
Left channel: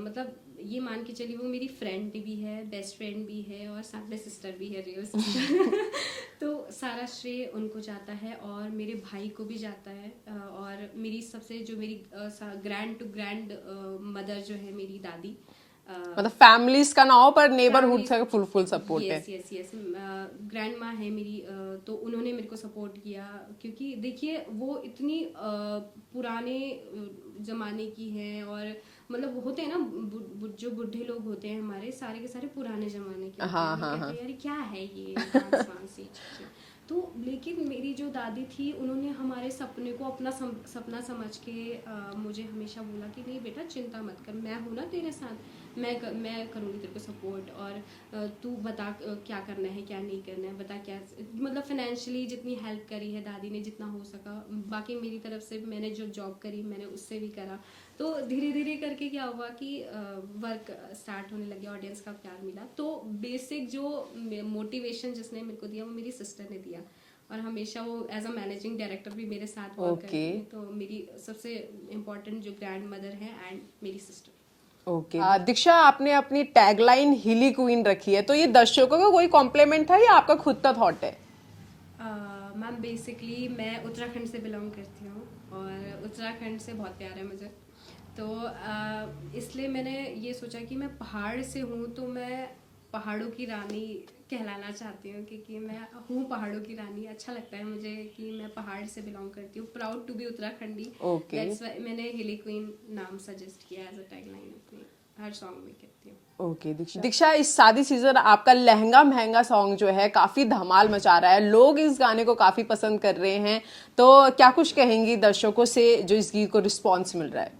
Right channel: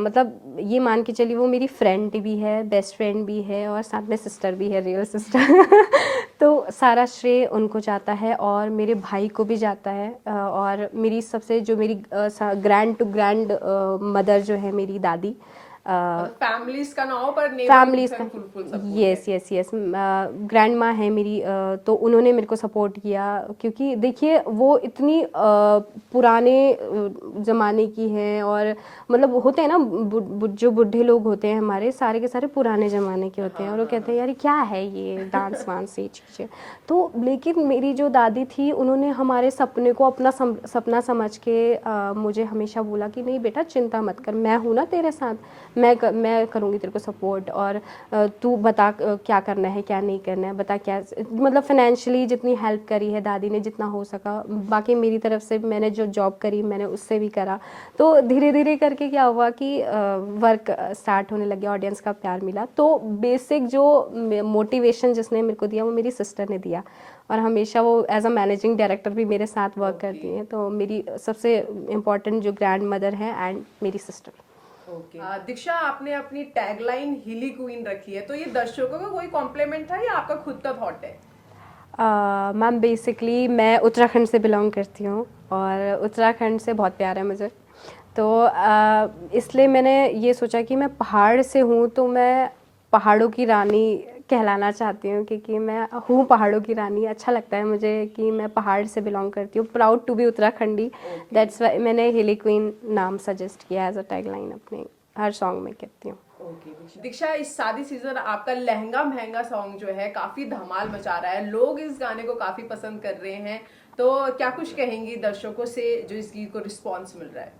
मतलब ये मान के चलिए वो मेरी फ्रेंड भी है, बेस्ट फ्रेंड भी है, और साथ में सिस्टर भी है, रियल सिस्टर। तो सारा श्रेय उनको जाता है, और मेरे भाई को भी जाता है, और मेरी सबसे जो मेरी ग्रैंड टू ग्रैंड मदर जो है मेरी दादी, मतलब फैमिलीज का ना हो पर नेबरहुड से फुल सपोर्ट है। यस यस यस, ग्रैंड माँ है मेरी, तो उन्होंने मेरे को सपोर्ट किया, क्योंकि देखिए वो इतनी पुराने ज़माने की हैं, और मतलब होते हैं ना जो बूढ़े लोग होते हैं हमारे, सारे के सारे पुराने ज़माने के होते हैं, और वो कहते हैं यार क्या है ये डांस वांस ये चीज़ें। तो लेकिन मेरी जो दादी थी, उन्होंने हमारे सपने को अपना सपना समझ के मुझे हमेशा बोला कि नहीं बेटा चिंता मत कर, मैं हूँ ना तेरे साथ, मैं करूँगी तेरे को सपोर्ट, और तू बता क्या करना है क्या नहीं करना है, बता क्या, मतलब फाइनेंशियली जितनी हेल्प करी है दादी ने जितना हो सका, बाकी मेरी तरफ से मैंने जो जॉब करी मैंने उससे भी करा। तो धीरे धीरे करके क्या हुआ कि वर्क स्टार्ट होने लगे, ऑडियंस का प्यार मिला। तो बेसिक जो मोटिवेशन जिसने मेरे को दिया वो मेरी सिस्टर ने दिया, और हमेशा वो एज अ मैनेजिंग डायरेक्टर भी मेरे साथ वर्क करती हैं। तो मेरी सबसे इम्पोर्टेंट जो ग्रैंड मदर है एंड मेरी सिस्टर। ओके। दीक्षा, आपने अपनी टैगलाइन हिली क्वीन रखी है, तो ये दर्शकों को कोई कॉम्प्लीमेंट था या आपका खुद का थॉट है? मैम बेसिकली मैं उत्तराखंड से बिलोंग करती हूँ, और उत्तराखंड से बहुत प्यार है मुझे। तो इसलिए मैंने ये सोचा कि मैं पहाड़ से हूँ, तो मैं पहाड़ों की रानी कहलाना चाहती हूँ, क्योंकि मैं हूँ पहाड़ों की रानी। अच्छा लगता है मुझे कि मैं पहाड़ से बिलोंग करती हूँ, proud to be Uttarakhandi. Okay. That's why मैंने हिली क्वीन नाम सजेस्ट किया एज अ टैगलाइन अपने हर सॉन्ग में कहती हूँ। ओके दीक्षा, इस शादी सीजन आपका लहंगा महंगा सॉन्ग जो है काफी धमाल मचा रहा है, लोग इस गाने को काफी पसंद कर रहे हैं, तो क्या कुछ कहेंगी दर्शकों से जो इस गीत को रिस्पॉन्स मिल रहा है?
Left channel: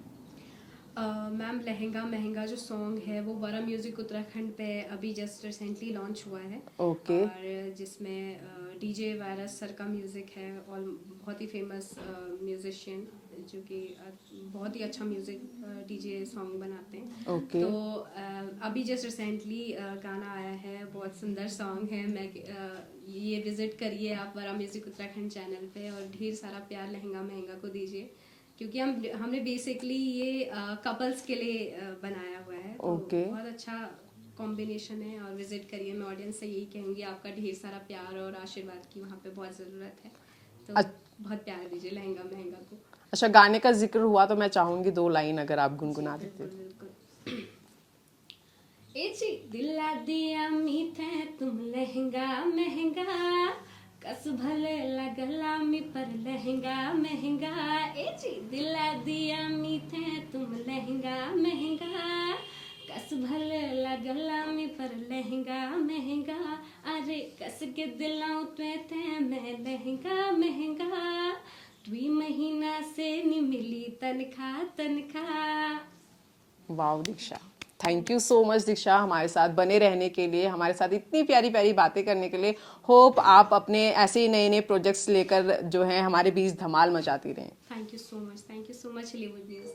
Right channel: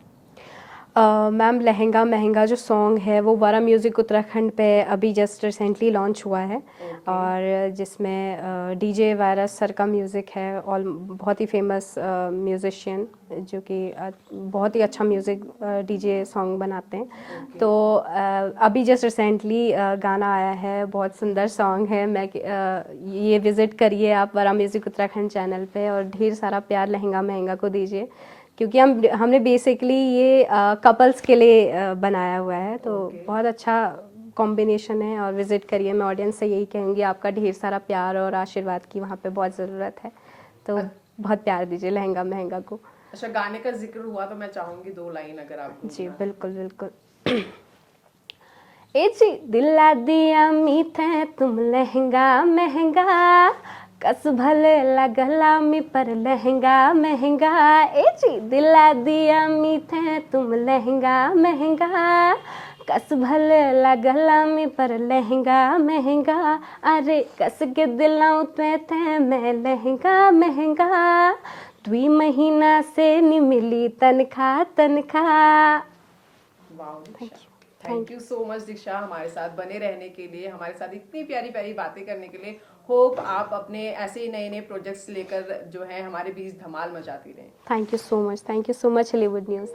मैम लहंगा महंगा जो सॉन्ग है वो वारा म्यूज़िक उत्तराखंड पे अभी जस्ट रिसेंटली लॉन्च हुआ है। Okay. और जिसमें डीजे वायरस सर का म्यूज़िक है, और बहुत ही फेमस म्यूज़िशियन जो कि बहुत ही अच्छा म्यूज़िक डीजे सॉन्ग बनाते हैं। Okay. तो अभी जस्ट रिसेंटली गाना आया है, बहुत सुंदर सॉन्ग है। मैं ये विज़िट करिए आप वारा म्यूज़िक उत्तराखंड चैनल पे, और ढेर सारा प्यार लहंगा महंगा को दीजिए, क्योंकि हमने बेसिकली ये कपल्स के लिए बनाया हुआ है। तो Okay. बहुत अच्छा कॉम्बिनेशन है, और विज़िट करिए। मैं ऑडियंस से यही कहूँगी, आपका ढेर सारा प्यार और आशीर्वाद की वहाँ पे बहुत ज़रूरत है, तो बहुत प्यार दीजिए लहंगा महंगा को। अच्छा, गाने का जिक्र हुआ तो मैं चाहूंगी 2 लाइन अगर आप जी गुनगुना दें। बिल्कुल बिल्कुल। ए जी दिला दिया मीठे तुम लहंगा महंगा, कस भले लगला मी पर लहंगा महंगा। ए जी दिला दिया मीठे तुम लहंगा महंगा, कस भले लगला मी पर लहंगा महंगा। अरे कस के दिलाऊं ते मैं लहंगा महंगा, 2 महीना से नहीं मिली तनखा। Wow Diksha, thank you so much Diksha, हमारे साथ बने रहने के लिए, हमारे साथ इतनी प्यारी प्यारी बातें करने के लिए। होप आप अपने ऐसे ही नए नए प्रोजेक्ट्स लेकर जो है हमारे बीच धमाल मचाती रहें। Thank you so much Hollywood news.